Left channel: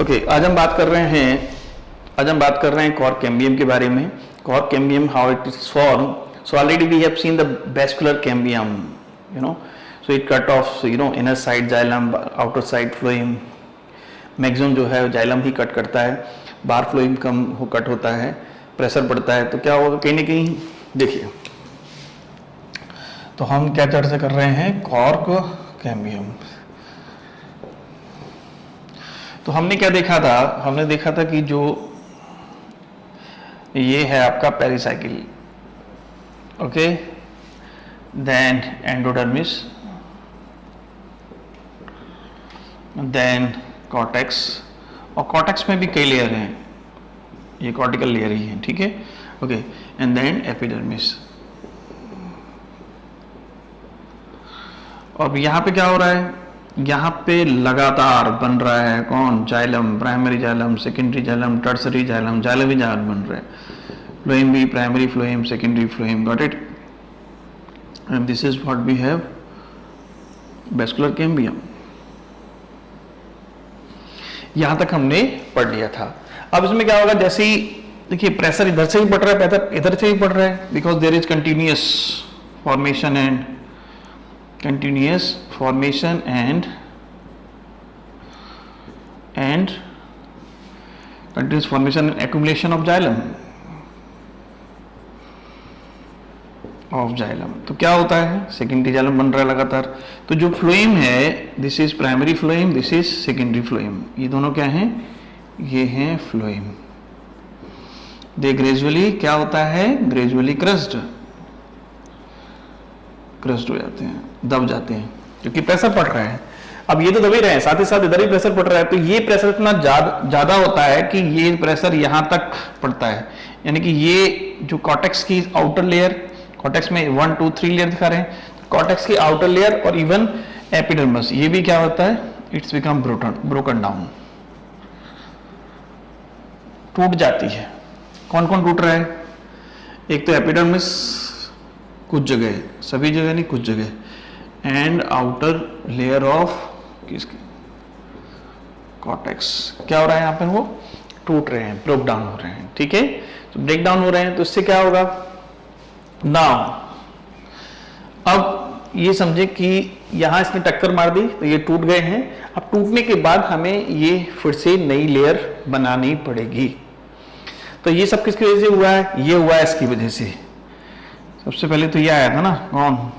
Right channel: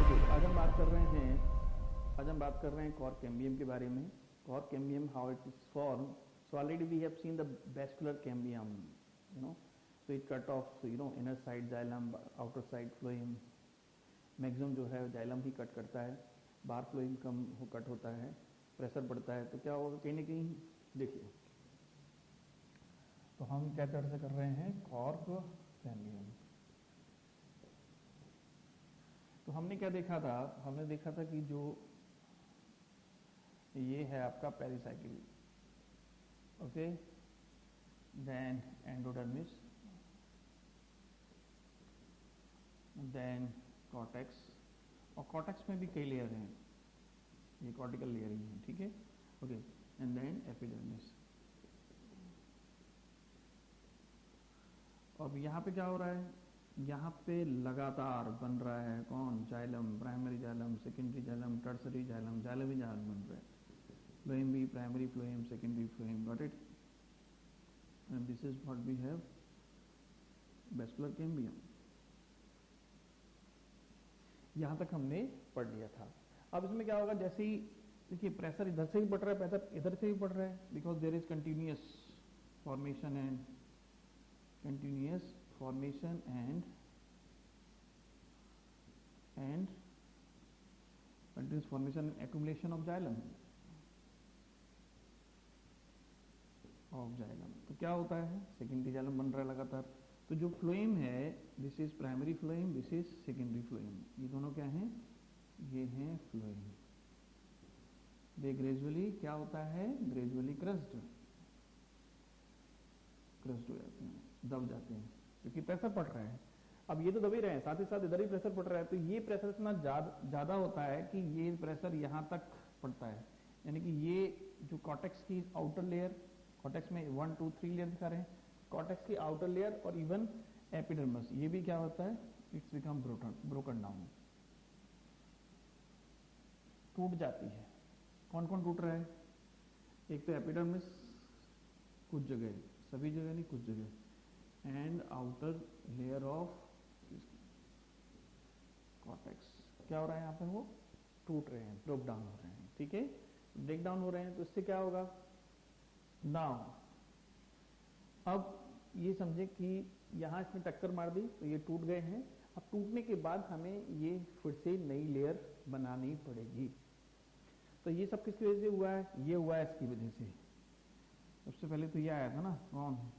Okay, आज हम बात कर रहे हैं कॉर्क कैम्बियम के बारे में. Cork cambium, how it is form. So already we have seen the vascular cambium, you know. So it cut off, you know, inner side xylem, outer side phloem. Maximum जो है xylem ही cut करता है, बाहर phloem कम हो cut होता है, pressure पड़ता है. तो क्या होगा, कहीं ना कहीं देखिए. तो हम क्या चर्चा कर रहे हैं, कॉर्क कैम्बियम. तो हमने क्या देखा था, हमने देखा था कि जो ये है आपका pericycle, okay, then endodermis, then cortex, और कॉर्टेक्स में भी कई लेयर हैं, ये कॉर्टिकल लेयर ही है, ठीक है, ओके, एंड देन एपिडर्मिस. अब यहाँ पे क्या हो रहा है, यहाँ पे लगातार बन रहा है कौन, xylem, primary xylem, secondary xylem, tertiary xylem, xylem ही जाइलम बन रहा है. फ्लोएम भी, primary phloem, secondary phloem, got it. And this is what we have, vascular cambium. यहां तक हमने पढ़ लिया था. अब इसमें क्या होगा, जैसे ही देखिए प्रेशर इधर से ही पड़ रहा है, इधर से ही पड़ रहा है, because there is continuous formation and continuous formation and continuous formation and accumulation of xylem. तो क्या होता है, सेकेंडरी जाइलम बन रहा है लगातार. तो जो फ्लोएम है, this is primary phloem, this is secondary phloem. ये दोनों क्या हैं, ये हैं फ्लोएम. दे ग्रेजुअली क्या होता है, ग्रेजुअली क्रस्ड हो जाते हैं, दब जाते हैं, क्योंकि प्रेशर पड़ रहा है. अब ये तो दबे रहे हैं, साथ ही साथ इधर ही प्रेशर पड़ रहा है. तो ये प्रेशर इतना ज्यादा होता है कि ये प्रेशर यहां तक पड़ता है. यानी कि ये जो कॉर्टेक्स की आउटर लेयर, कॉर्टेक्स में 1 2 3 लेयर दिखा रहे हैं, कॉर्टेक्स की आउटर लेयर और इवन एपिडर्मिस, ये भी क्या होता है, इट्स बिकम ब्रोकन डाउन, टूट जाती है. कौन कौन टूट रहा है, एक तो एपिडर्मिस कुछ जगह, सभी जगह नहीं, कुछ जगह, एंड आउटर लेयर ऑफ किसकी, कॉर्टेक्स. क्या हो रहा है यहाँ पे, वो टूट रहे हैं, ब्रेक डाउन हो रहे हैं, ठीक है. तो ब्रेक डाउन हो रहे हैं, तो इससे क्या होगा, नाउ अब ये समझे कि यहां इसने टक्कर मार दी, तो ये टूट गए हैं. अब टूटने के बाद हमें ये फिर से नई लेयर बनानी पड़ेगी. तो ये सब किसकी वजह से हुआ है, ये हुआ है इसकी वजह से. सबसे पहले तो ये आया था ना, कौन,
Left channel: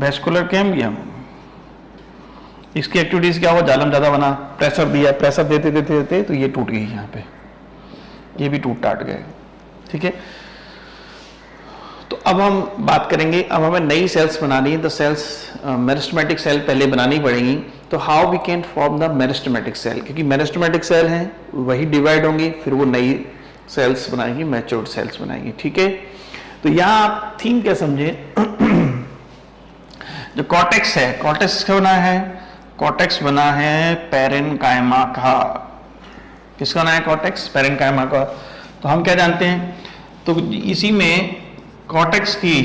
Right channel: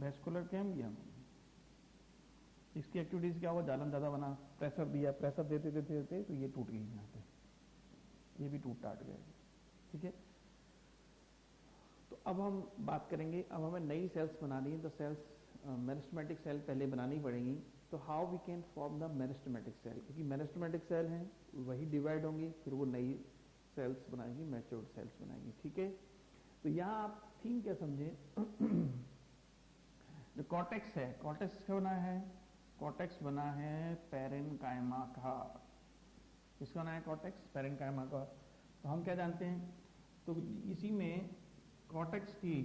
वेस्कुलर कैम्बियम. इसकी एक्टिविटीज क्या हुआ, जाइलम ज्यादा बना, प्रेशर दिया, प्रेशर देते देते देते तो ये टूट गई, यहाँ पे ये भी टूट टाट गए, ठीक है. तो अब हम बात करेंगे, अब हमें नई सेल्स बनानी है. द सेल्स, मेरिस्टेमेटिक सेल पहले बनानी पड़ेगी. तो how we can form the meristematic cell, क्योंकि मेरिस्टेमेटिक सेल हैं वही डिवाइड होंगी, फिर वो नई सेल्स बनाएंगी, मैच्योर्ड सेल्स बनाएंगी, ठीक है. तो यहां आप थीम क्या समझे, जो कॉर्टेक्स है, कॉर्टेक्स क्या बना है, कॉर्टेक्स बना है पैरेन्काइमा का. किसका बना है, कॉर्टेक्स पैरेन्काइमा का. तो हम क्या जानते हैं, तो इसी में कॉर्टेक्स की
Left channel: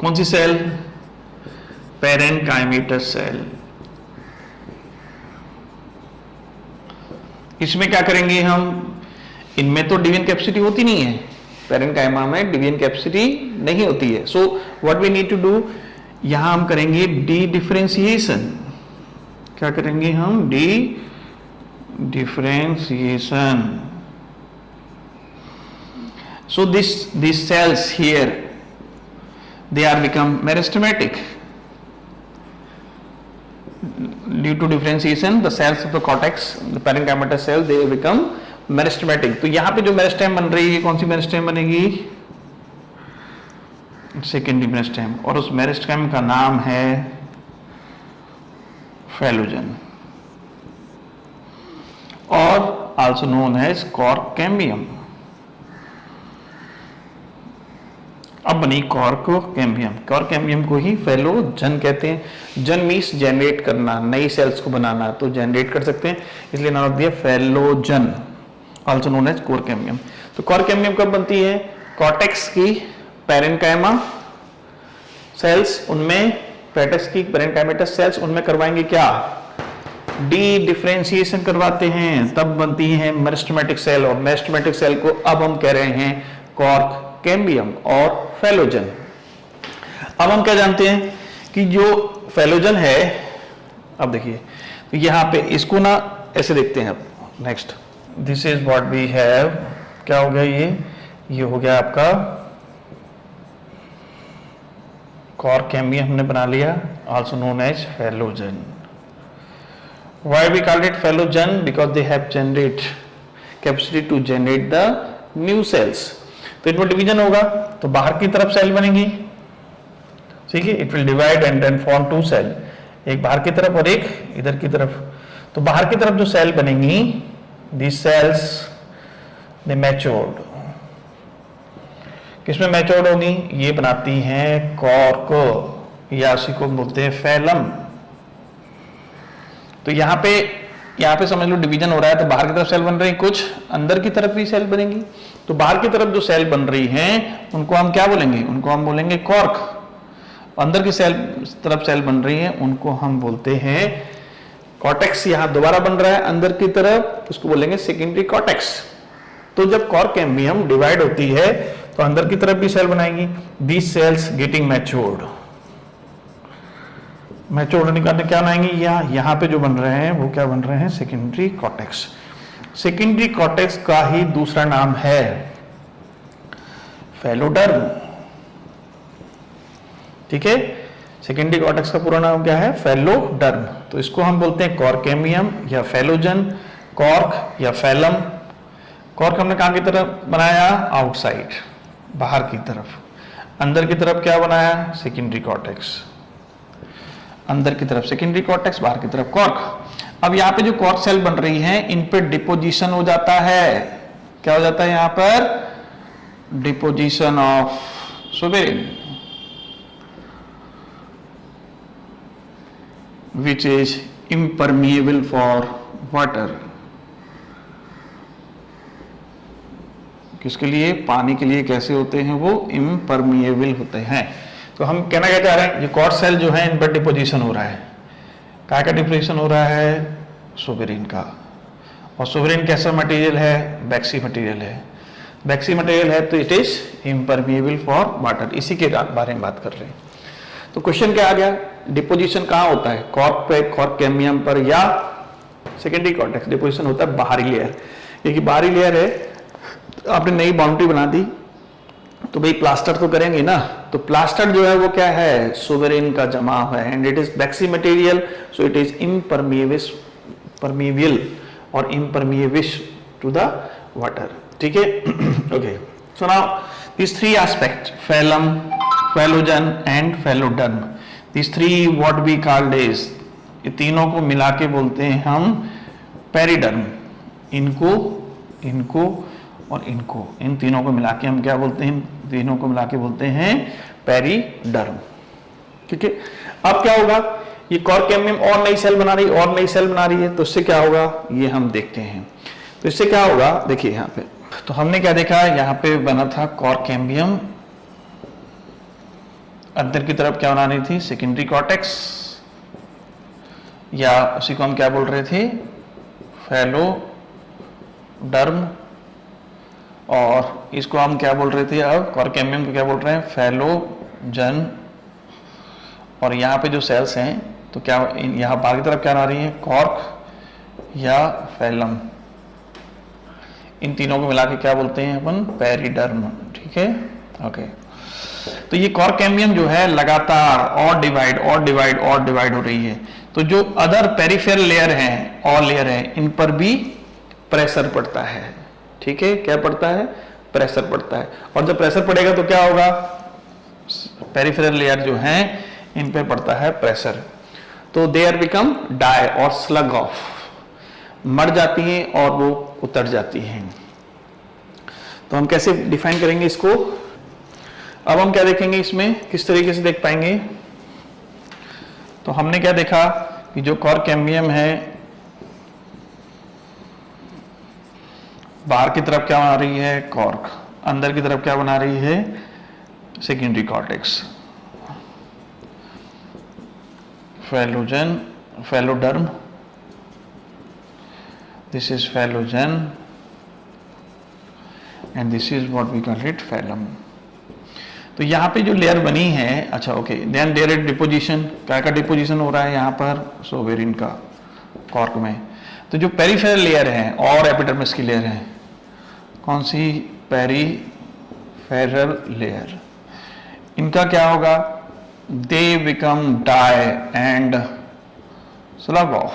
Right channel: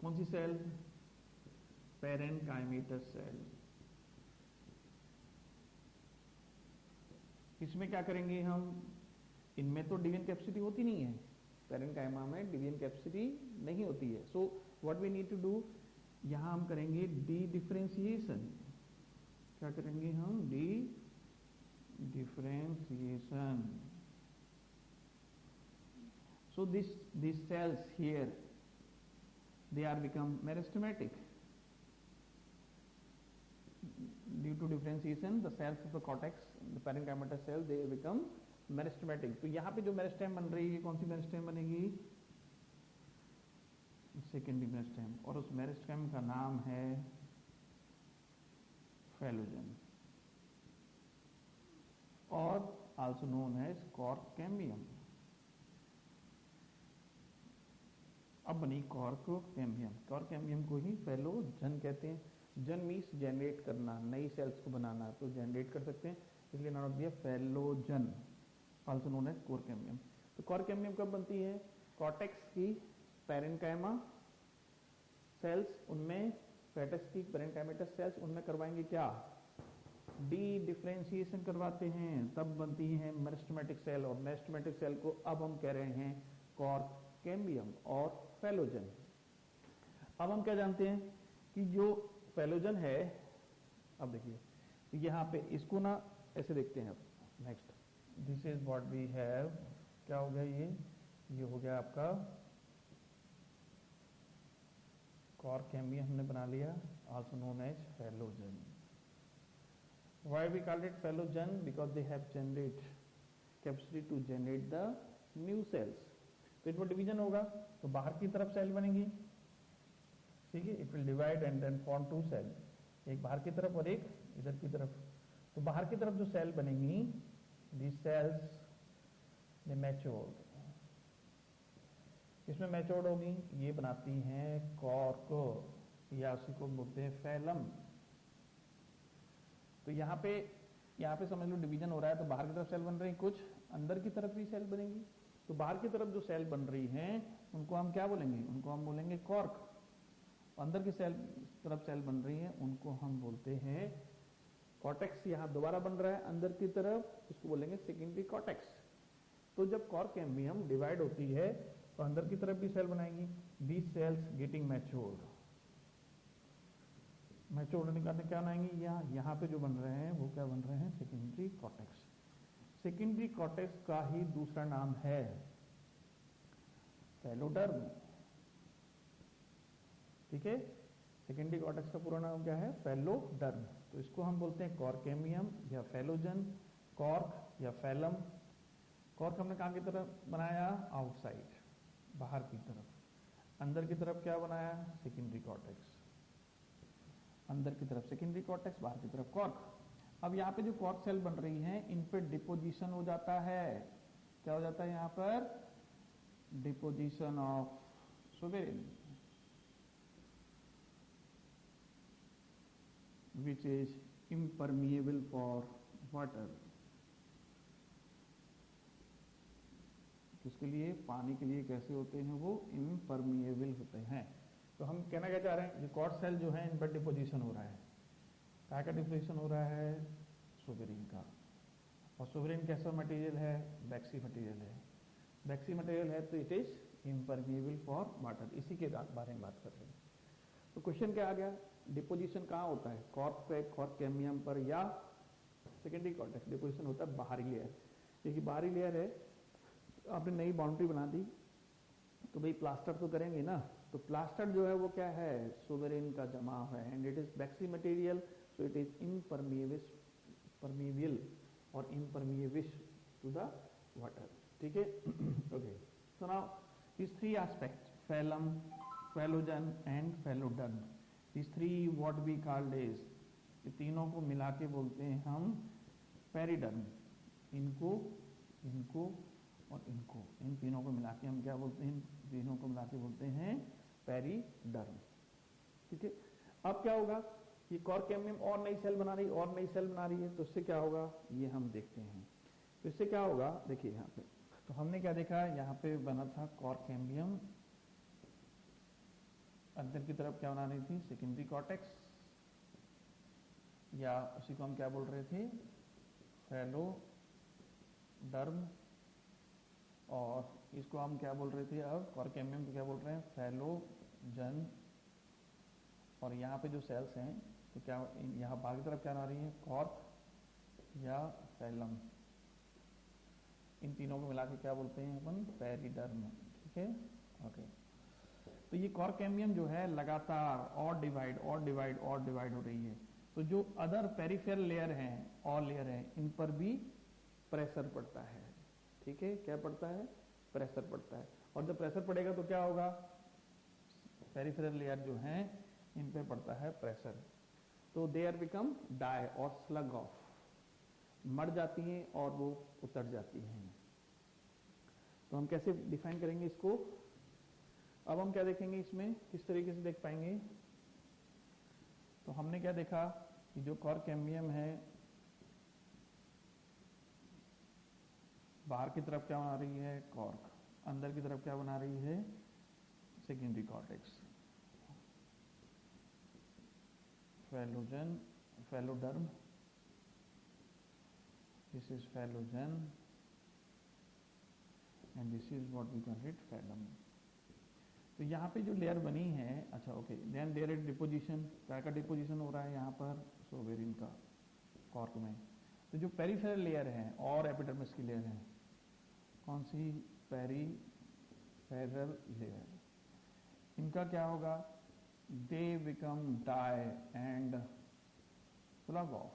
कौन सी सेल, पैरेन्काइमेटस सेल. इसमें क्या करेंगे हम, इनमें तो डिवीजन कैपेसिटी होती नहीं है, पैरेन्काइमा में डिवीजन कैपेसिटी नहीं होती है. So what we need to do, यहां हम करेंगे डी डिफरेंशिएशन. क्या करेंगे हम, dedifferentiation. So this cells here, they are become meristematic due to differentiation. The cells of the cortex, the parenchymatous cell, they become meristematic. तो यहां पे जो मेरिस्टेम बन रही है, कौन सी मेरिस्टेम बनेगी, सेकेंडरी मेरिस्टेम, और उस मेरिस्टेम का नाम है फेलोजन, और also known as cork cambium. अब बनी कॉर्क कैम्बियम. कॉर्क कैम्बियम को ही फेलोजन कहते हैं. जन मीन्स जनरेट करना, नई सेल्स को बनाना, तो जनरेट कर सकते हैं, इसलिए नाम रख दिया phellogen, also known as core cambium. तो core cambium कब बनती है, कॉर्टेक्स की पैरेन्काइमा सेल्स, उनमें कॉर्टेक्स की पैरेन्काइमेटस सेल्स, उनमें करवाएंगे क्या, डी डिफरेंशिएशन करवाते हैं तब बनती है मेरिस्टेमेटिक सेल, और मेरिस्टेमेटिक सेल को अब हम कह रहे हैं कॉर्क, कैम्बियम और फैलोजन। अब हम क्या जानते हैं कि जो फैलोजन है, अब देखिए तो यहाँ पे इसको ना ऐसे देखते हैं। अब next this is what we have, क्या हो गया ये हो गया आपका कॉर्क, कैम्बियम हमने बना लिया, also known as phellogen. Why we called it phallogen? Because they have generate capacity to generate the new cells. तो इनमें डिवीजन होगा तो बाहर की तरफ सेल बनेगी, ठीक है, it will divide and then form two cell, एक बाहर की तरफ और एक इधर की तरफ। तो बाहर की तरफ जो सेल बनेंगी, these cells they matured, किसमें मैच्योर्ड होगी, ये बनाती हैं कॉर्क या उसी को बोलते हैं फैलम। तो यहाँ पे समझ लो डिवीजन हो रहा है, तो बाहर की तरफ सेल बन रही है, कुछ अंदर की तरफ भी सेल बनेंगी। तो बाहर की तरफ जो सेल बन रही हैं उनको हम क्या बोलेंगे, उनको हम बोलेंगे कॉर्क। अंदर की तरफ सेल बन रही है उनको हम बोलते हैं कॉर्टेक्स। यहाँ दोबारा बन रहा है अंदर की तरफ, उसको बोलेंगे सेकेंडरी कॉर्टेक्स। तो जब कॉर्क कैम्बियम डिवाइड होती है तो अंदर की तरफ भी सेल बनाएगी, these cells getting matured. Matured निकालने क्या बनाएंगे, यहाँ पे जो बन रहे हैं वो क्या बन रहे हैं, सेकेंडरी कॉर्टेक्स। सेकेंडरी कॉर्टेक्स का ही दूसरा नाम है फैलोडर्म, ठीक है। सेकेंडरी कॉर्टेक्स का पूरा नाम क्या है, फैलोडर्म। तो इसको हम बोलते हैं कॉर्क कैम्बियम या फैलोजन, कॉर्क या फैलम। कॉर्क हमने कहाँ की तरफ बनाया, आउटसाइड, बाहर की तरफ। अंदर की तरफ क्या बनाया, सेकेंडरी कॉर्टेक्स। अंदर की तरफ सेकेंडरी कॉर्टेक्स, बाहर की तरफ कॉर्क। अब यहाँ पे जो कॉर्क सेल बन रही हैं इन पे डिपोजिशन हो जाता है, क्या हो जाता है यहाँ पर, deposition of suberin, which is impermeable for water. किसके लिए, पानी के लिए कैसे होते हैं वो, इम्परमिएबल होते हैं। तो हम कहना क्या चाह रहे हैं, ये कॉर्क सेल जो है इन पर डिपोजिशन हो रहा है, क्या का डिपोजिशन हो रहा है, सुबेरिन का। और सुबेरिन कैसा मटेरियल है, बैक्सी मटेरियल है। बैक्सी मटेरियल है तो it is impermeable for water, इसी के बारे में बात कर रहे हैं। तो क्वेश्चन क्या आ गया, डिपोजिशन कहाँ होता है, कॉर्क पे, कॉर्क कैम्बियम पर या सेकेंडरी कॉर्टेक्स। डिपोजिशन होता है बाहरी लेयर, क्योंकि बाहरी लेयर है, आपने नई बाउंड्री बना दी तो भाई प्लास्टर तो करेंगे ना। तो प्लास्टर जो है वो क्या है, सुबेरिन का जमा है, and it is waxy material, so it is permeable और इम्परमिएबल टू द वाटर, ठीक है। Okay, so now these three aspects, phylum, phallogen and phylloderm, these three what we called is, ये तीनों को मिला के बोलते हैं हम पेरिडर्म। इनको और इनको, इन तीनों को मिला के हम क्या बोलते हैं, तीनों को मिला के बोलते हैं पेरिडर्म, ठीक है। अब क्या होगा, ये कॉर्क कैम्बियम और नई सेल बना रही है, तो इससे क्या होगा ये हम देखते हैं। तो इससे क्या होगा, देखिए यहाँ पे तो हमने क्या देखा, यहाँ पे बना था कॉर्क कैम्बियम, अंदर की तरफ क्या बना रही थी, सेकेंडरी कॉर्टेक्स, या उसी को हम क्या बोल रहे थे, फैलोडर्म। और इसको हम क्या बोल रहे थे, अब कॉर्क कैम्बियम को क्या बोल रहे हैं, फैलोजन। और यहाँ पे जो सेल्स हैं तो क्या यहाँ बाहर की तरफ क्या आ रही है, कॉर्क या फैलम। इन तीनों को मिला के क्या बोलते हैं अपन, पेरिडर्म, ठीक है। ओके, तो ये कॉर्क कैम्बियम जो है लगातार और डिवाइड हो रही है। तो जो अदर पेरिफेरल लेयर हैं और लेयर हैं, इन पर भी प्रेशर पड़ता है, ठीक है। क्या पड़ता है, प्रेशर पड़ता है। और जब प्रेशर पड़ेगा तो क्या होगा, पेरिफेरल लेयर जो हैं इन पे पड़ता है प्रेशर, तो दे आर बिकम डाई और स्लग ऑफ, मर जाती हैं और वो उतर जाती हैं। तो हम कैसे डिफाइन करेंगे इसको, अब हम क्या देखेंगे इसमें, किस तरीके से देख पाएंगे। तो हमने क्या देखा कि जो कॉर्क कैम्बियम है बाहर की तरफ क्या बना रही है, कॉर्क, अंदर की तरफ क्या बना रही है, secondary cortex, phellogen, phelloderm this is phloem and this is what we call it phloem। तो यहाँ पे जो लेयर बनी है, अच्छा okay, then there is deposition, क्या का डिपोजिशन हो रहा है यहाँ पर, सोवेरिन का कॉर्क में। तो जो पेरिफेरल लेयर है और एपिडर्मिस की लेयर है, कौन सी, पेरिफेरल लेयर, इनका क्या होगा, they become die and slough off,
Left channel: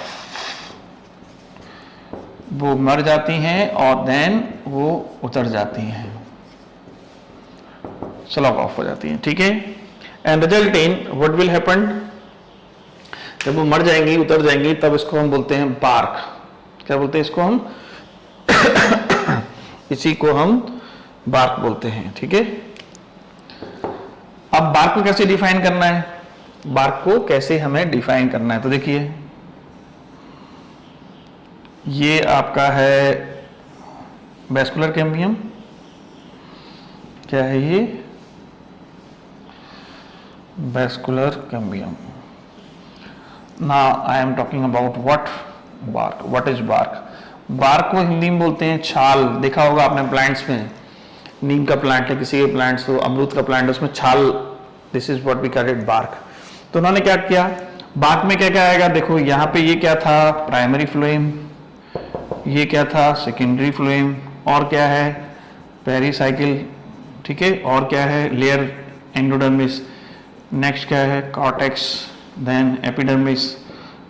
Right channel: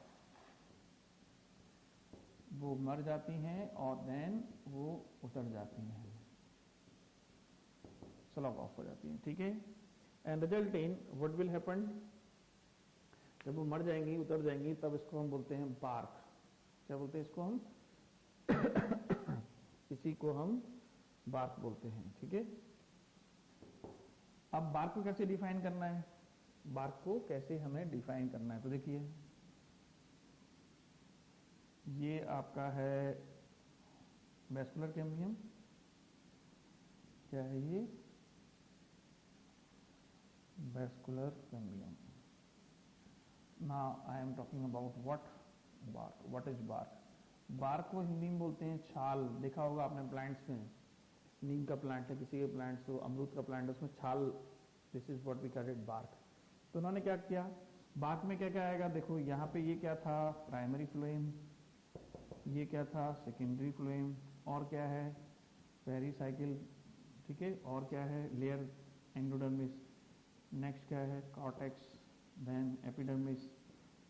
वो मर जाती हैं और देन वो उतर जाती हैं, स्लग ऑफ हो जाती हैं, ठीक है। And result in what will happen, जब वो मर जाएंगी, उतर जाएंगी, तब इसको हम बोलते हैं बार्क। क्या बोलते हैं इसको हम इसी को हम बार्क बोलते हैं, ठीक है। अब बार्क को कैसे डिफाइन करना है, बार्क को कैसे हमें डिफाइन करना है, तो देखिए ये आपका है वैस्कुलर कैम्बियम, क्या है ये, vascular cambium. Now I am talking about what, bark, what is bark. Bark को हिंदी में बोलते हैं छाल, देखा होगा आपने प्लांट्स में, नीम का प्लांट है, किसी के प्लांट्स हो, अमरूद का प्लांट है, उसमें छाल, this is what we call it bark. तो उन्होंने क्या किया, बार्क में क्या क्या आएगा, देखो यहाँ पे ये क्या था, प्राइमरी फ्लोएम, ये क्या था, सेकेंडरी फ्लोएम, और क्या है, पेरीसाइकिल, ठीक है, और क्या है, लेयर एंडोडर्मिस, नेक्स्ट क्या है, कॉर्टेक्स, देन एपिडर्मिस,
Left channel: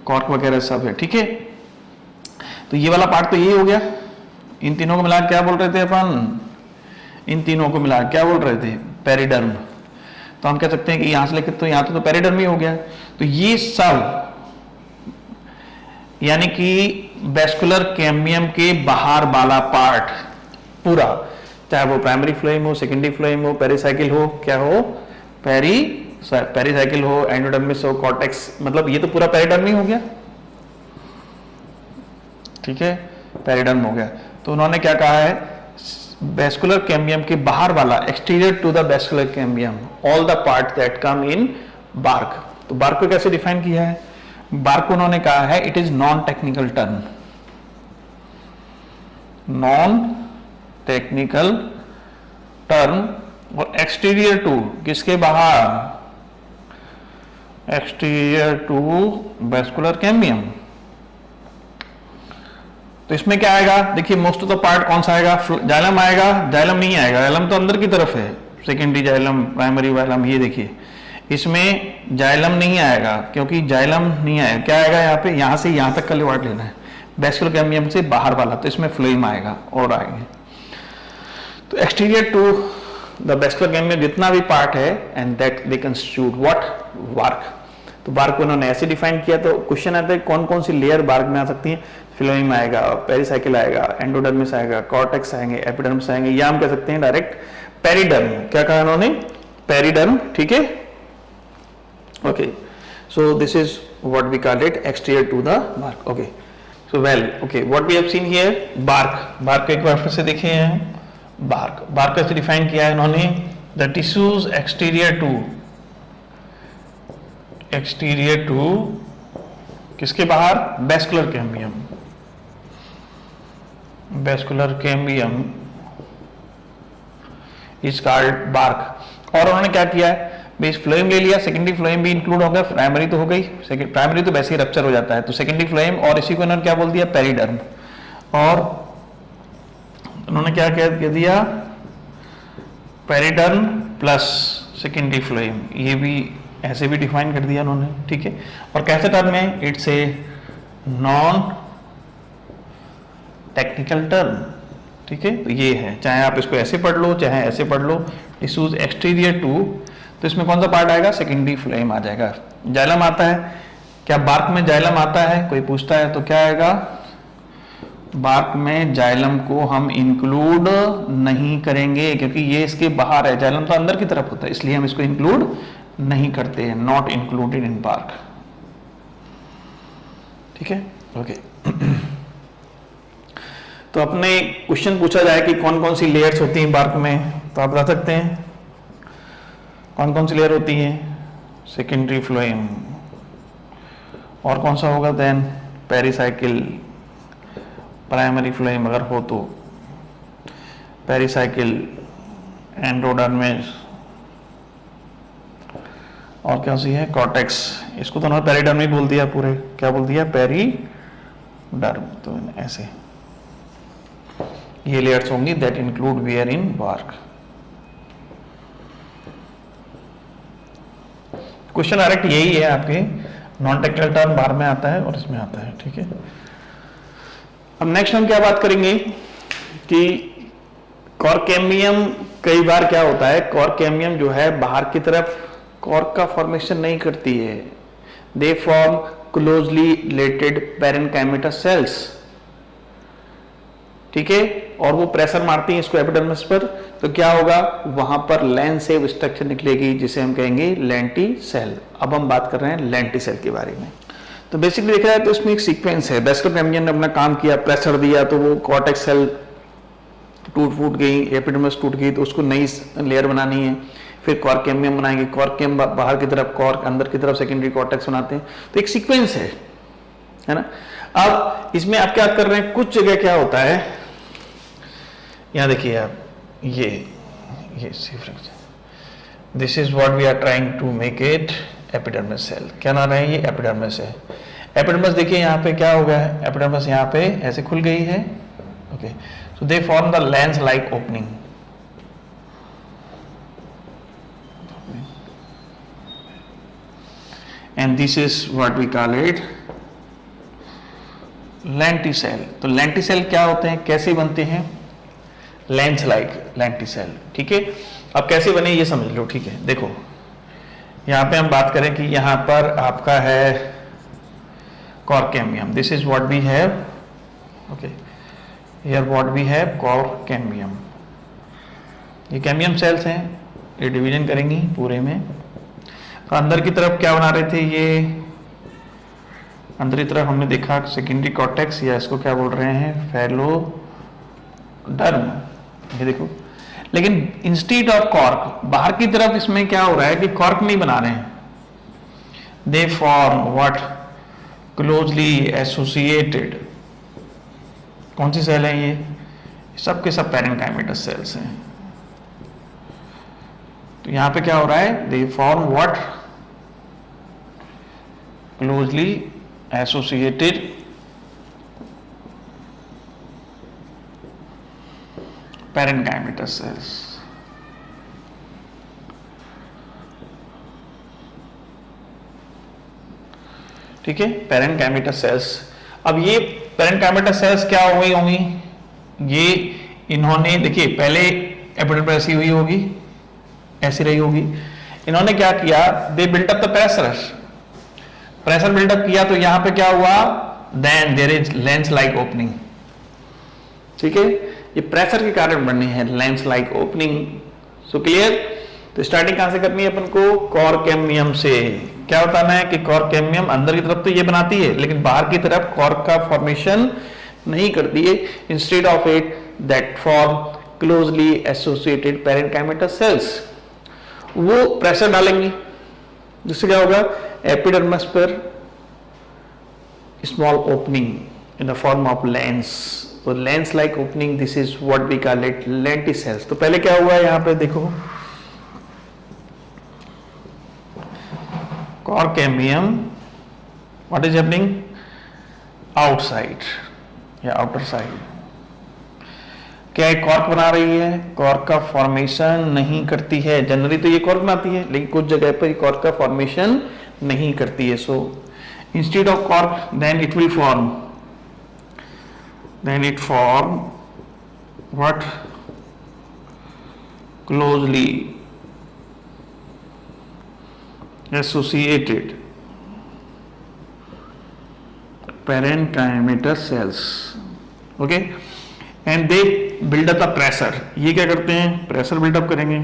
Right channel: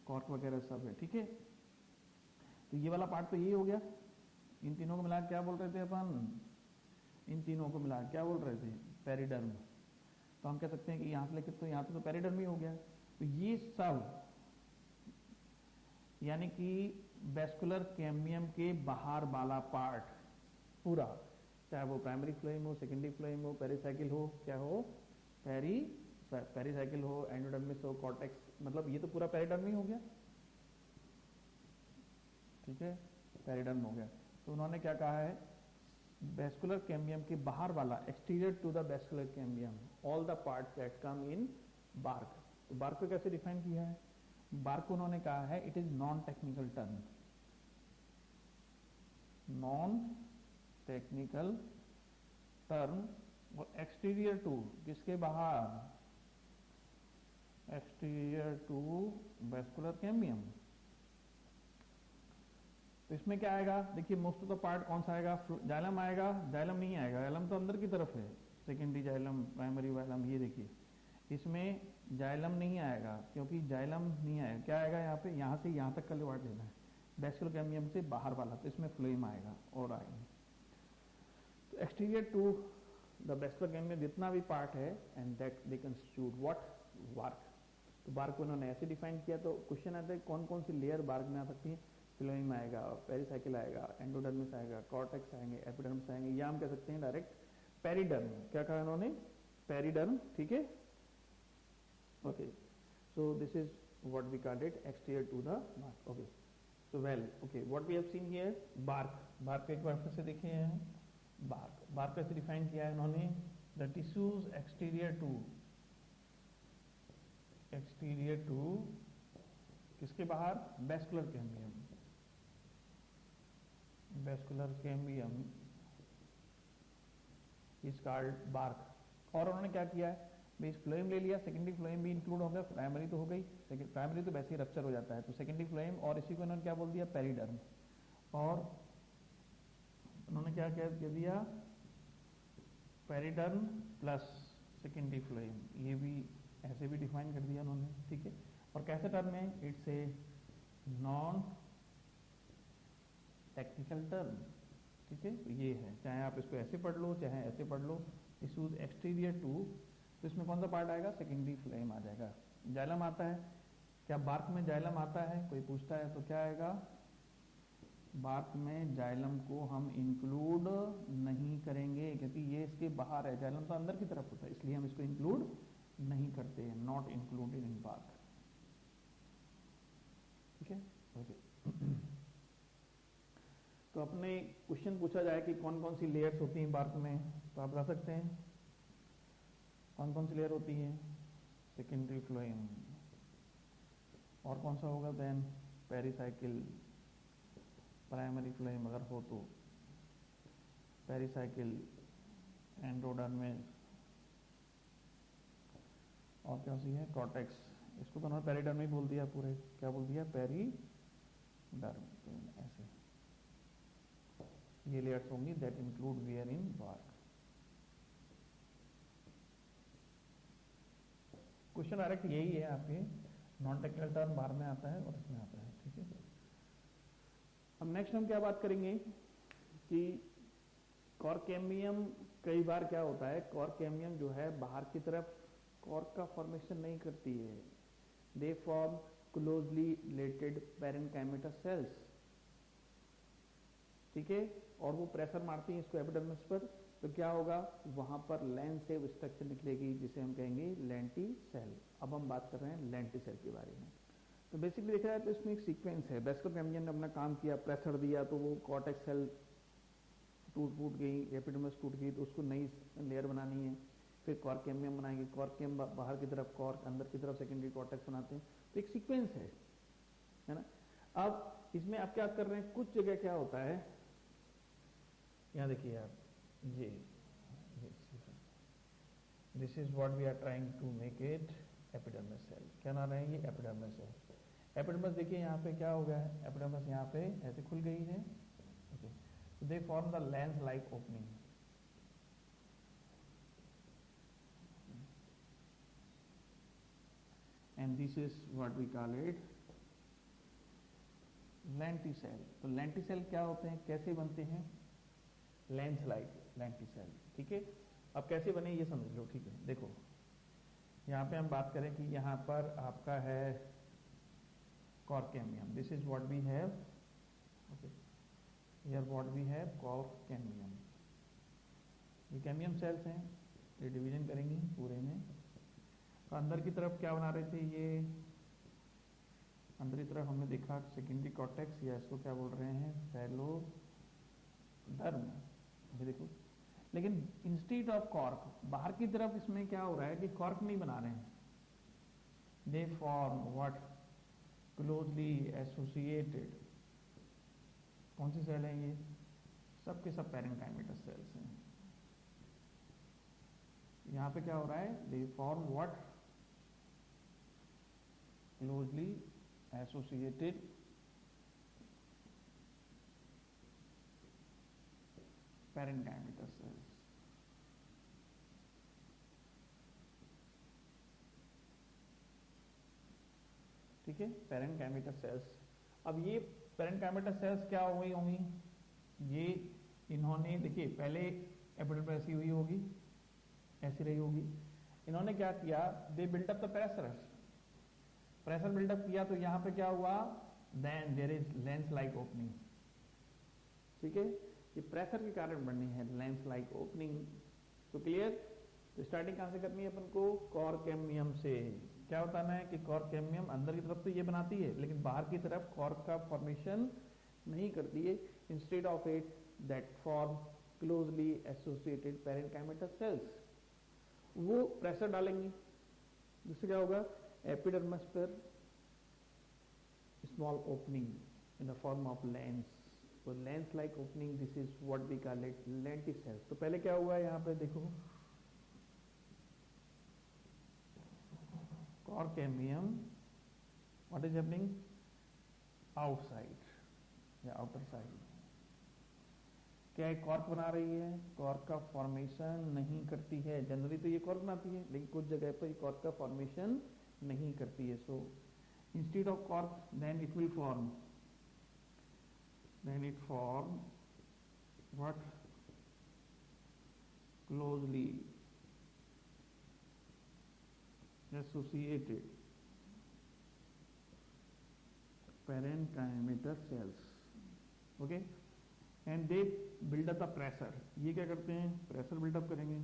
कॉर्क वगैरह सब है, ठीक है। तो ये वाला पार्ट तो ये हो गया। इन तीनों को मिला क्या बोल रहे थे अपन, इन तीनों को मिला क्या बोल रहे थे, पेरिडर्म। तो हम कह सकते हैं कि यहां से लेकर तो यहां तो पेरिडर्म ही हो गया। तो ये सब यानी कि वैस्कुलर कैम्बियम के बाहर वाला पार्ट पूरा, चाहे वो प्राइमरी फ्लोएम हो, सेकेंडरी फ्लोएम हो, पेरिसाइकिल हो, क्या हो, पेरिसाइकिल हो, एंडोडर्मिस हो, कॉर्टेक्स, मतलब ये तो पूरा पेरिडर्म ही हो गया, ठीक है, पेरिडर्म हो गया। तो उन्होंने क्या कहा है, वैस्कुलर कैम्बियम के बाहर वाला, exterior to the vascular cambium, all the part that come in bark. तो बार्क को कैसे डिफाइन किया है, बार्क को उन्होंने कहा है it is non technical term, non technical term, और एक्सटीरियर टू, किसके बाहर, एक्सटीरियर टू वैस्कुलर कैम्बियम। तो इसमें क्या आएगा, देखिए मोस्ट ऑफ द पार्ट कौन सा आएगा, जाइलम आएगा, जाइलम नहीं आएगा, जाइलम तो अंदर की तरफ है, सेकेंडरी जाइलम, प्राइमरी जाइलम, ये देखिए इसमें जाइलम नहीं आएगा, क्योंकि जाइलम नहीं आएगा, क्या आएगा यहाँ पे, यहाँ से यहाँ तक का लेवार्ड लेना है, वैस्कुलर कैम्बियम से बाहर वाला, तो इसमें फ्लोएम आएगा और आएंगे। तो exterior to the vascular cambium जितना भी पार्ट है, and that they constitute what, bark. तो बार्क को उन्होंने ऐसे डिफाइन किया। तो क्वेश्चन आता है कौन कौन सी लेयर बार्क में आ सकती है, फ्लोएम आएगा, पेरिसाइकिल आएगा, एंडोडर्मिस आएगा, कॉर्टेक्स आएंगे, एपिडर्मिस आएंगे, या हम कह सकते हैं डायरेक्ट पेरिडर्म। क्या कहा उन्होंने, पेरिडर्म, ठीक है, okay. So this is what we call it, exterior to the bark, okay. So well, okay, what we have seen here, bark. Bark को एक बार फिर से देखे हैं, बार्क, बार्क कैसे डिफाइन किया है इन्होंने, द टिश्यूज एक्सटीरियर टू किसके बाहर, vascular cambium, vascular cambium is called bark. और उन्होंने क्या किया है, बेस फ्लोएम ले लिया, सेकेंडरी फ्लोएम भी इंक्लूड हो गया, प्राइमरी तो हो गई, प्राइमरी तो वैसे ही रप्चर हो जाता है, तो सेकेंडरी फ्लोएम, और इसी को इन्होंने क्या बोल दिया, पेरिडर्म। और उन्होंने क्या कह दिया, पेरिडर्म प्लस सेकेंडरी फ्लोएम, ये भी ऐसे भी डिफाइन कर दिया उन्होंने, ठीक है। और कैसे टर्म में, it's a non technical term, ठीक है। तो ये है, चाहे आप इसको ऐसे पढ़ लो चाहे ऐसे पढ़ लो, टिश्यूज एक्सटीरियर टू, तो इसमें कौन सा पार्ट आएगा, सेकेंडरी फ्लोएम आ जाएगा। जाइलम आता है क्या, बार्क में जाइलम आता है, कोई पूछता है तो क्या आएगा, बार्क में जाइलम को हम इंक्लूड नहीं करेंगे, क्योंकि ये इसके बाहर है, जाइलम तो अंदर की तरफ होता है, इसलिए हम इसको इंक्लूड नहीं करते हैं, नॉट इंक्लूडेड इन बार्क, ठीक है, ओके। तो अपने क्वेश्चन पूछा जाए कि कौन कौन सी लेयर्स होती हैं बार्क में, तो आप बता सकते हैं कौन कौन सी लेयर होती है, सेकेंडरी फ्लोएम, और कौन सा होगा देन पेरिसाइकिल, प्राइमरी फ्लोएम अगर हो तो पेरिसाइकिल, एंडोडर्मिस, और क्या सी है कॉर्टेक्स। इसको तो उन्होंने पेरिडर्म ही बोल दिया, पूरे क्या बोल दिया पेरिडर्म। तो ऐसे ये लेयर्स होंगी that include where in bark. Question direct यही है आपके, नॉन टेक्निकल टर्म बाहर में आता है और इसमें आता है, ठीक है। अब नेक्स्ट हम क्या बात करेंगे कि कॉर्केमियम, कई बार क्या होता है कॉर्केमियम जो है बाहर की तरफ कॉर्क का फॉर्मेशन नहीं करती है, they form closely related parenchymata cells, ठीक है, और वो प्रेशर मारती हैं इसको एपिडर्मिस पर, तो क्या होगा वहां पर लैंसेव स्ट्रक्चर निकलेगी जिसे हम कहेंगे लेंटिसेल। अब हम बात कर रहे हैं लेंटिसेल के बारे में। तो बेसिकली देखा जाए तो इसमें एक सीक्वेंस है, बैसिलर मेम्ब्रेन ने अपना काम किया, प्रेशर दिया तो वो कॉर्टेक्स सेल फूट गई, एपिडर्मिस टूट गई, तो उसको नई लेयर बनानी है, फिर कॉर्केमियम बनाएंगे, कॉर्केम बाहर की तरफ, कॉर्क अंदर की तरफ सेकेंडरी कॉर्टेक्स बनाते हैं, तो एक सीक्वेंस है ना। अब इसमें आप क्या कर रहे हैं, कुछ जगह क्या होता है, यहां देखिए आप, ये this is what we are trying to make it epidermis cell. क्या नाम है, ये एपिडर्मिस है। एपिडर्मिस देखिए यहाँ पे क्या हो गया है, एपिडर्मिस यहाँ पे ऐसे खुल गई है, okay, so they form the lens like opening, and this is what we call it lenticell। तो lenticell क्या होते हैं, कैसे बनते हैं, लेंस लाइक lenticell, ठीक है। अब कैसे बने ये समझ लो, ठीक है। देखो यहाँ पे हम बात करें कि यहाँ पर आपका है cork cambium, this is what we have, okay, here what we have cork cambium, ये कैमियम सेल्स हैं, ये डिवीजन करेंगी पूरे में। तो अंदर की तरफ क्या बना रहे थे, ये अंदर की तरफ हमने देखा सेकेंडरी कॉर्टेक्स, या इसको क्या बोल रहे हैं फैलोडर्म, ये देखो। लेकिन इंस्टीड ऑफ कॉर्क, बाहर की तरफ इसमें क्या हो रहा है कि कॉर्क नहीं बना रहे हैं, दे फॉर्म व्हाट क्लोजली एसोसिएटेड, कौन सी सेल है ये, सब के सब पैरेन्काइमेटस सेल्स हैं। तो यहां पे क्या हो रहा है, they form what closely associated parenchymatous sales, ठीक है, पैरेन्काइमेटस सेल्स। अब ये पैरेन्काइमेटस सेल्स क्या होंगी, ये इन्होंने देखिए पहले एपिडर्मिस ऐसी हुई होगी, ऐसी रही होगी, इन्होंने क्या किया, they built up the pressure buildup किया, तो यहां पे क्या हुआ, then there is lens like opening, ठीक है, ये प्रेशर के कारण बननी है lens like opening. So clear. तो स्टार्टिंग कहां से करनी है अपन को, कॉर्केमियम से। क्या बताना है कि कॉर्केमियम अंदर की तरफ तो ये बनाती है, लेकिन बाहर की तरफ कॉर्क का फॉर्मेशन नहीं करती है, instead of it that form closely associated parenchymatous cells. वो प्रेशर डालेंगी, जिससे क्या होगा, एपिडर्मिस पर small opening in the form of lens, तो lens like opening, this is what we call it lenticels. तो पहले क्या हुआ है, यहां पे देखो cork cambium, what is happening outside या आउटर साइड, क्या एक कॉर्क बना रही है, कॉर्क का फॉर्मेशन नहीं करती है। जनरली तो ये कॉर्क बनाती है, लेकिन कुछ जगह पर कॉर्क का फॉर्मेशन नहीं करती है। So instead of cork then it will form, then it form what closely associated parenchymatous cells, okay, and they build up the pressure। ये क्या करते हैं, प्रेशर बिल्डअप करेंगे,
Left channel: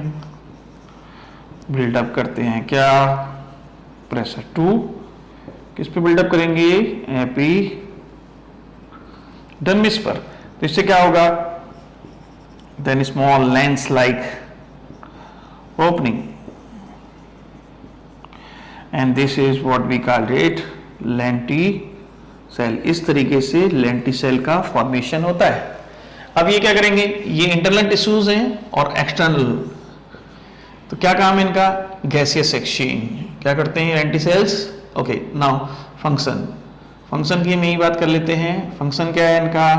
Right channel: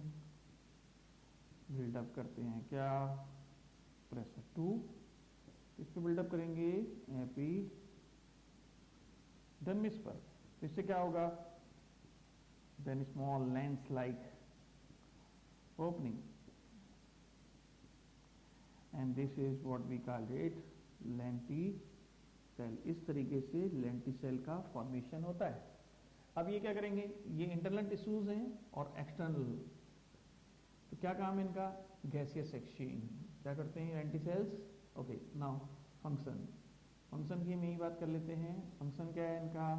बिल्डअप करते हैं क्या, प्रेशर टू किस पे बिल्डअप करेंगे, एपिडर्मिस पर। तो इससे क्या होगा, then small lens like opening, and this is what we call it lenticel. Cell. इस तरीके से लेंटिसेल का फॉर्मेशन होता है। अब ये क्या करेंगे, ये इंटरनल टिश्यूज हैं और एक्सटर्नल, तो क्या काम है इनका, गैसियस एक्सचेंज। क्या करते हैं lenticels? Okay, now function, function की हम यही बात कर लेते हैं। फंक्शन क्या है इनका?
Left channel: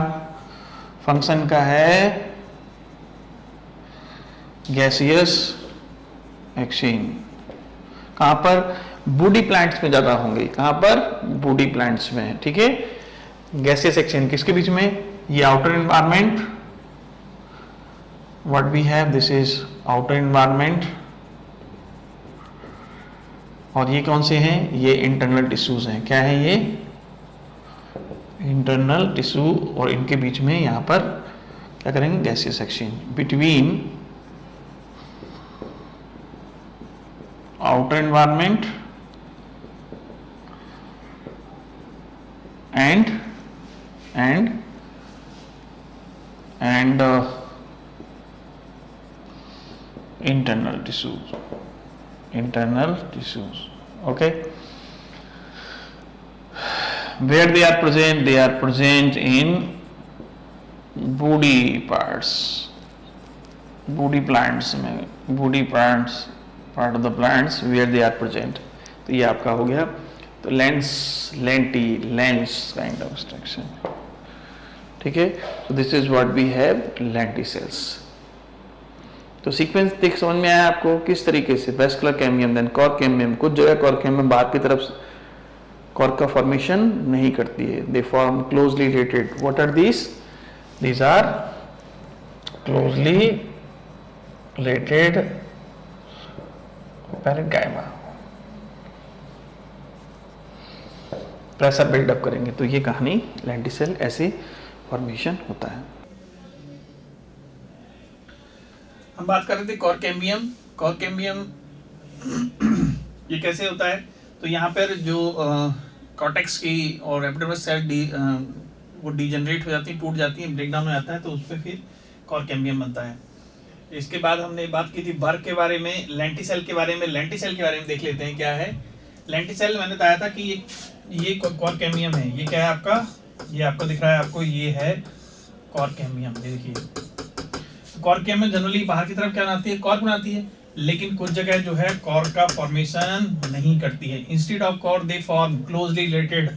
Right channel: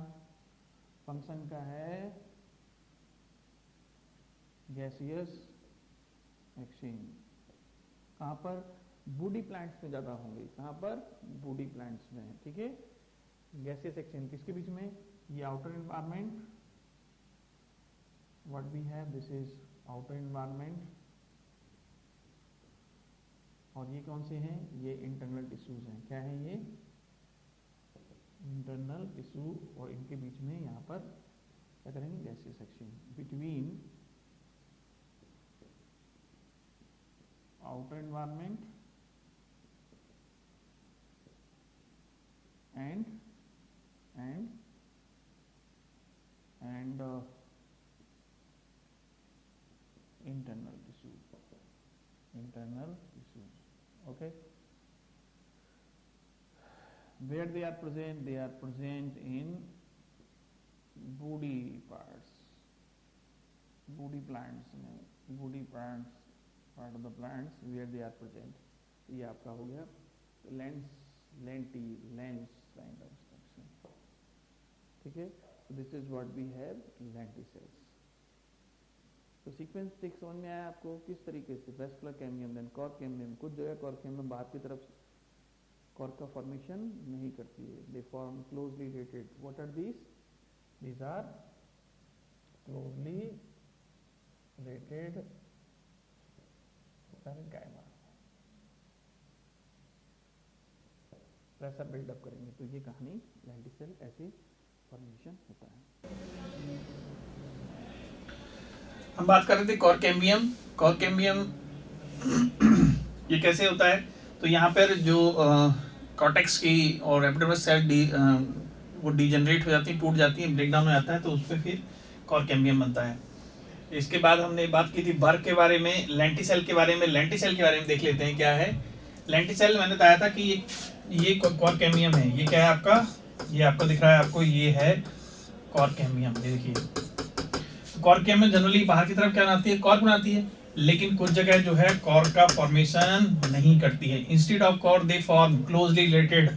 फंक्शन का है गैसियस एक्सचेंज। कहां पर? बूडी प्लांट्स में ज्यादा होंगे। कहां पर? बूडी प्लांट्स में, ठीक है। गैसियस एक्सचेंज किसके बीच में? ये outer environment, what we have, this is outer environment, और ये कौन से हैं? ये इंटरनल टिश्यूज हैं। क्या है ये? इंटरनल टिश्यू, और इनके बीच में यहां पर क्या करेंगे? Gaseous exchange between outer environment and internal tissues, okay. Where they are present? They are present in woody parts, woody plants में, woody plants, part of the plants where they are present. तो ये आपका हो गया। तो lens, lens kind of structure, ठीक है। तो this is what we have, lenticels. तो सीक्वेंस देख समझ में आया आपको किस तरीके से? Vascular cambium, then cork cambium. कुछ जगह कॉर्क कैम्बियम बाहर की तरफ कॉर्क का फॉर्मेशन नहीं करती है, they form closely related. What are these? These are closely related parenchyma. Pressure buildup करेंगे तो ये कहानी लेंटिसेल ऐसे फॉर्मेशन होता है। हम बात कर रहे थे कॉर्क कैम्बियम। कॉर्क कैम्बियम ये कैसे होता है? तो यहाँ पर जो कॉर्टेक्स की और एपिडर्मिस सेल वो डिजेनरेट हो जाती है, टूट जाती है, ब्रेकडाउन हो जाता है, तो उस पर फिर कॉर्क कैम्बियम बनता है। इसके बाद हमने बात की थी बर्क के बारे में, लेंटिसेल के बारे में। लेंटिसेल के बारे में देख लेते हैं क्या है। लेंटिसेल मैंने बताया था कि ये कॉर्क कैम्बियम है। ये क्या है आपका? ये आपको दिख रहा है, आपको ये है कॉर्क कैम्बियम। देखिए कॉर्क कैम्बियम जनरली बाहर की तरफ क्या बनाती है? कॉर्क बनाती है, लेकिन कुछ जगह जो है कॉर्क का फॉर्मेशन नहीं करती है। Instead of cork they form closely related.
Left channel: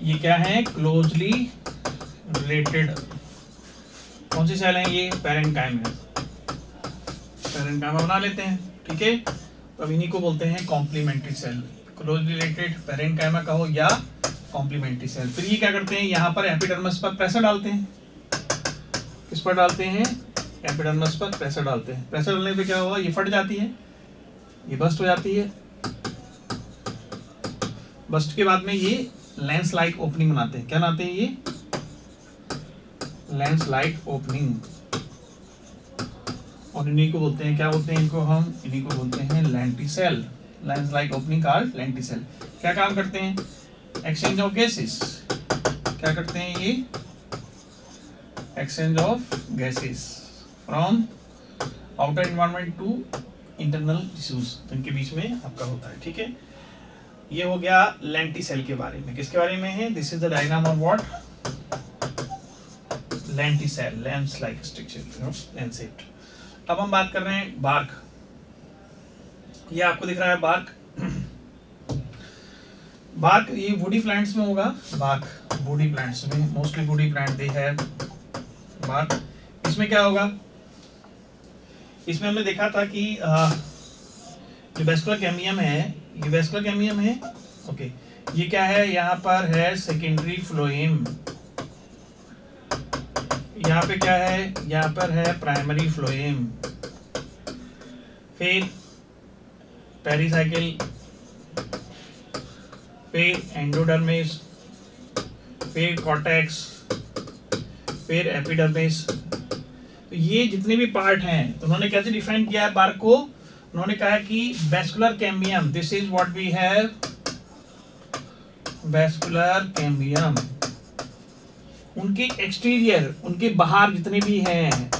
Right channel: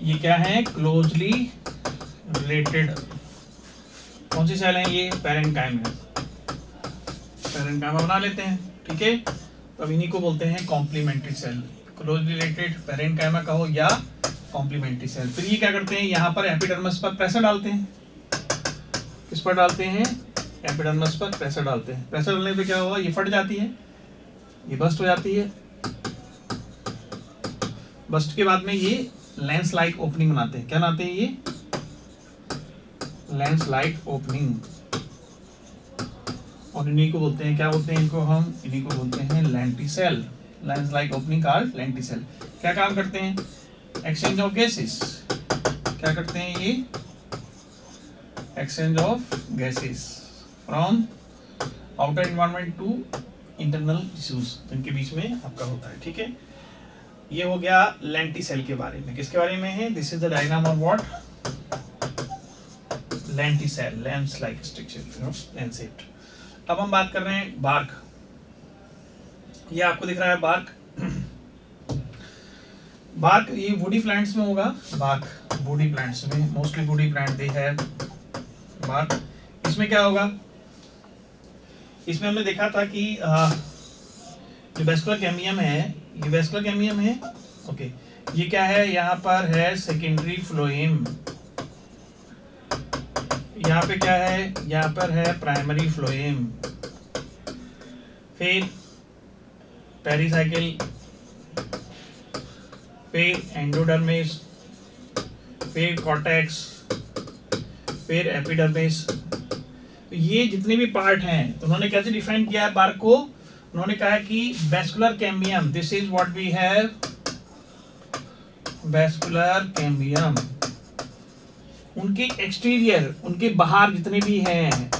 ये क्या है? Closely related. कौन सी सेल है ये? पैरेन्काइमा। पैरेन्काइमा बना लेते हैं, ठीक है। तो अब इन्हीं को बोलते हैं complementary cell. Closely related parenchyma का हो या कॉम्प्लीमेंट्री सेल। फिर ये क्या करते हैं? यहाँ पर एपिडर्मिस पर प्रेशर डालते हैं। किस पर डालते हैं? एपिडर्मिस पर प्रेशर डालते हैं। प्रेशर डालने पे क्या होगा? ये फट जाती है, ये बस्ट हो जाती है। बस्ट के बाद में ये लेंस लाइक ओपनिंग बनाते हैं। क्या बनाते हैं? ये लेंस लाइक ओपनिंग। और इन्हीं को बोलते हैं, क्या बोलते हैं इनको हम? इन्हीं को बोलते हैं lenticel. Lens like opening called lenticel. क्या काम करते हैं? Exchange of gases. क्या करते हैं ये? Exchange of gases from outer environment to internal tissues, इनके बीच में आपका होता है, ठीक है। ये हो गया लेंटिसेल के बारे में। किसके बारे में है? This is the diagram of what? Lenticel, lens like structure, lens shaped. अब हम बात कर रहे हैं बार्क। ये आपको दिख रहा है बार्क। बार्क ये वुडी प्लांट्स में होगा। बार्क वुडी प्लांट्स में, मोस्टली वुडी प्लांट दे है बार्क। इसमें क्या होगा? इसमें हमने देखा था कि जो वेस्कुलर कैम्बियम है, ये वेस्कुलर कैम्बियम है, ओके। ये क्या है? यहाँ पर है सेकेंडरी फ्लोएम। यहाँ पे क्या है? यहाँ पर है प्राइमरी फ्लोएम। फिर पेरिसाइकिल, फिर एंडोडर्मिस, फिर कॉर्टेक्स, फिर एपिडर्मिस। तो ये जितने भी पार्ट हैं, तो उन्होंने कैसे डिफाइन किया है बार्क को? उन्होंने कहा कि vascular cambium, this is what we have, vascular cambium. उनके एक्सटीरियर, उनके बाहर जितने भी हैं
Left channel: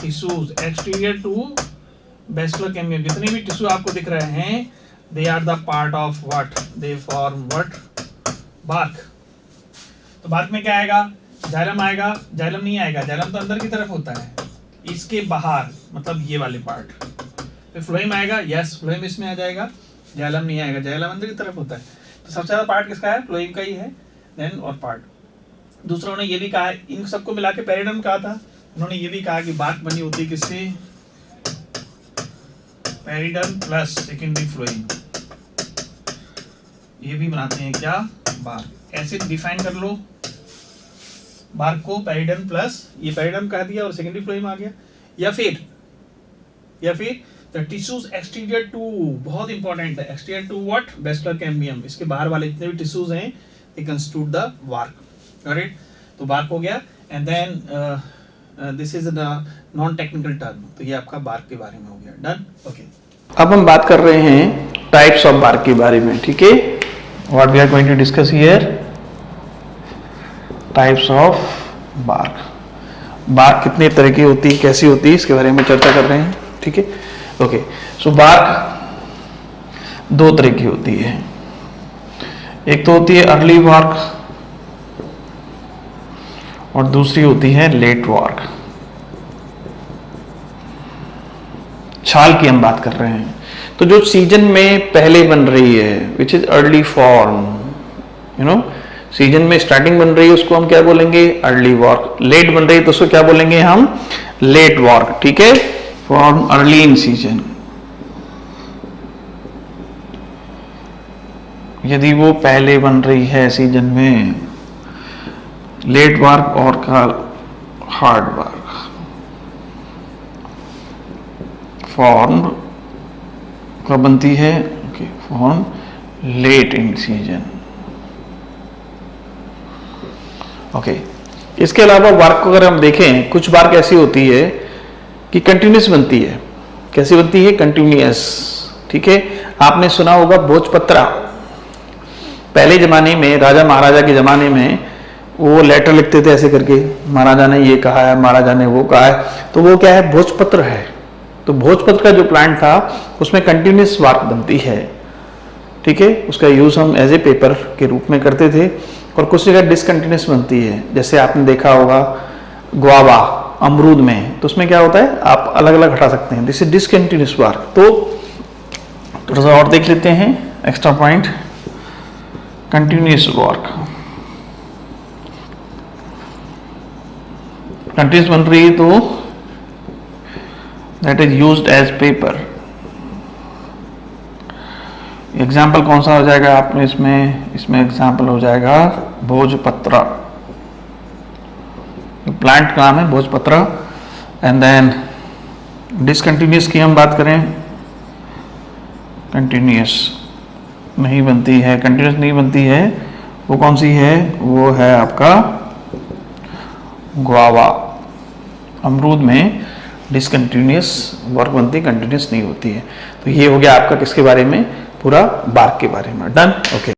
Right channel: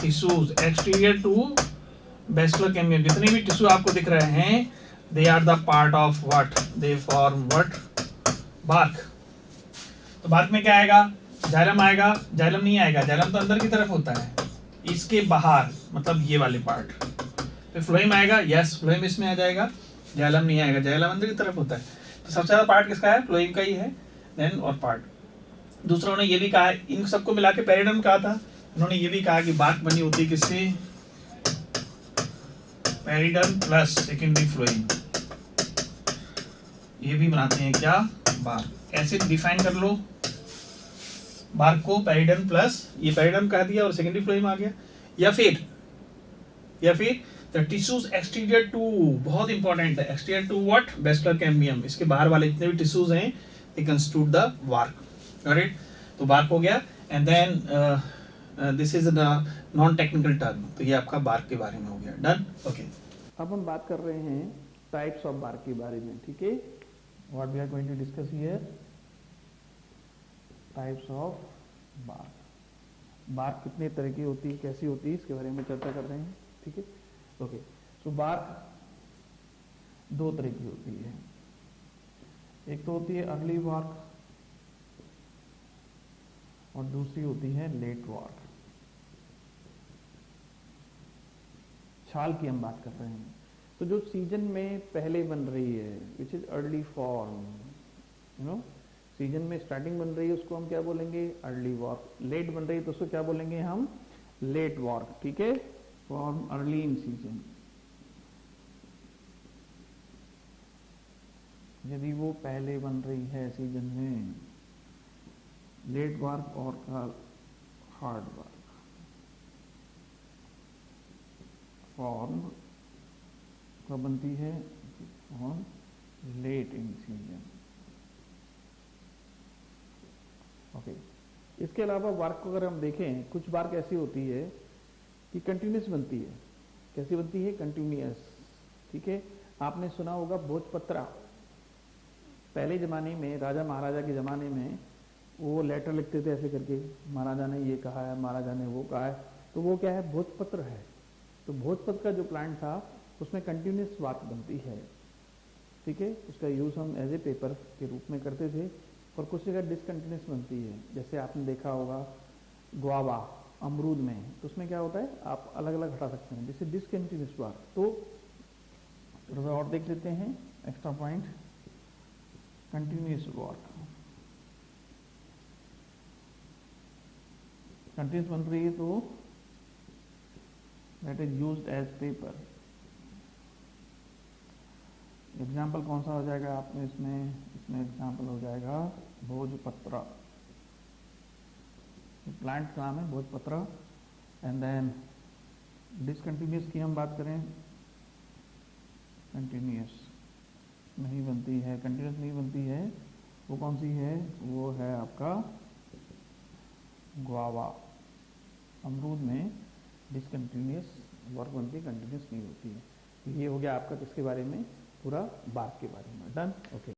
tissues, exterior to vascular cambium, जितने भी टिश्यू आपको दिख रहे हैं, they are the part of what? They form what? Bark, तो बार्क में क्या आएगा, जाइलम आएगा, जाइलम नहीं आएगा, जाइलम तो अंदर की तरफ होता है, इसके बाहर मतलब ये वाले पार्ट। फिर फ्लोएम आएगा, यस फ्लोएम इसमें आ जाएगा, जाइलम नहीं आएगा, जाइलम अंदर की तरफ होता है। तो सबसे ज्यादा पार्ट किसका है, फ्लोएम का ही है। देन और पार्ट दूसरा उन्होंने ये भी कहा है, इन सबको मिला के पेरिडर्म कहा था, उन्होंने ये भी कहा कि बार्क बनी होती है किससे, पेरिडर्म प्लस सेकेंडरी फ्लोएम, ये भी बनाते हैं क्या, बार्क। ऐसे डिफाइन कर लो बार्क को, पेरिडर्म प्लस ये पेरिडर्म कह दिया और सेकेंडरी फ्लोएम आ गया। या फिर द टिश्यूज एक्सटीरियर टू, बहुत इंपॉर्टेंट है, एक्सटीरियर टू व्हाट, बेसिलर कैम्बियम, इसके बाहर वाले जितने भी टिश्यूज हैं they constitute the bark, right. तो बार्क हो गया। And then this is the non technical term, तो ये आपका बार्क के बारे में हो गया, डन, ओके। अब हम बात कर रहे हैं टाइप्स ऑफ बार्क के बारे में, ठीक है। What we are going to discuss here, types of bark. Bark कितने तरह की होती है, कैसी होती है, इसके बारे में चर्चा कर रहे हैं, ठीक है, ओके। सो बार्क दो तरह की होती है, एक तो होती है अर्ली बार्क और दूसरी होती है लेट बार्क। छाल की हम बात कर रहे हैं, तो जो सीजन में पहले बन रही है which is early form, you know, season में स्टार्टिंग बन रही है उसको हम क्या बोलेंगे, अर्ली वार्क। लेट बन रही है तो उसको क्या बोलेंगे हम, लेट वार्क, ठीक है। फॉर्म अर्ली इन सीजन, यदि वो पहले बन रही है सीजन में, लेट वार्क और का हार्ड वार्क। फॉर्म कब बनती है, okay, form late in season, okay. इसके अलावा वार्क को अगर हम देखें, कुछ वार्क ऐसी होती है कि कंटिन्यूस बनती है। कैसी बनती है, कंटिन्यूस, ठीक है। आपने सुना होगा भोजपत्रा, पहले जमाने में राजा महाराजा के जमाने में वो लेटर लिखते थे ऐसे करके, महाराजा ने ये कहा है, महाराजा ने वो कहा है, तो वो क्या है, भोजपत्र है। तो भोजपत्र का जो प्लांट था उसमें कंटिन्यूस वार्क बनती है, ठीक है। उसका यूज हम एज ए पेपर के रूप में करते थे। और कुछ जगह डिसकंटिन्यूस बनती है, जैसे आपने देखा होगा गुआवा, अमरूद में, तो उसमें क्या होता है, आप अलग अलग हटा सकते हैं, दिस इज डिसकंटिन्यूस वार्क। तो थोड़ा सा और देख लेते हैं extra point, continuous bark. Continuous बन रही है तो that is used as paper. Example कौन सा हो जाएगा आपने इसमें एग्जाम्पल हो जाएगा भोजपत्र, प्लांट का नाम है भोजपत्र। एंड देन डिसकंटिन्यूस की हम बात करें, कंटिन्यूस नहीं बनती है, कंटिन्यूस नहीं बनती है, वो कौन सी है, वो है आपका गुआवा, अमरूद में डिसकंटिन्यूस वर्क बनती है, कंटिन्यूस नहीं होती है। तो ये हो गया आपका किसके बारे में, पूरा बार्क के बारे में, डन, ओके।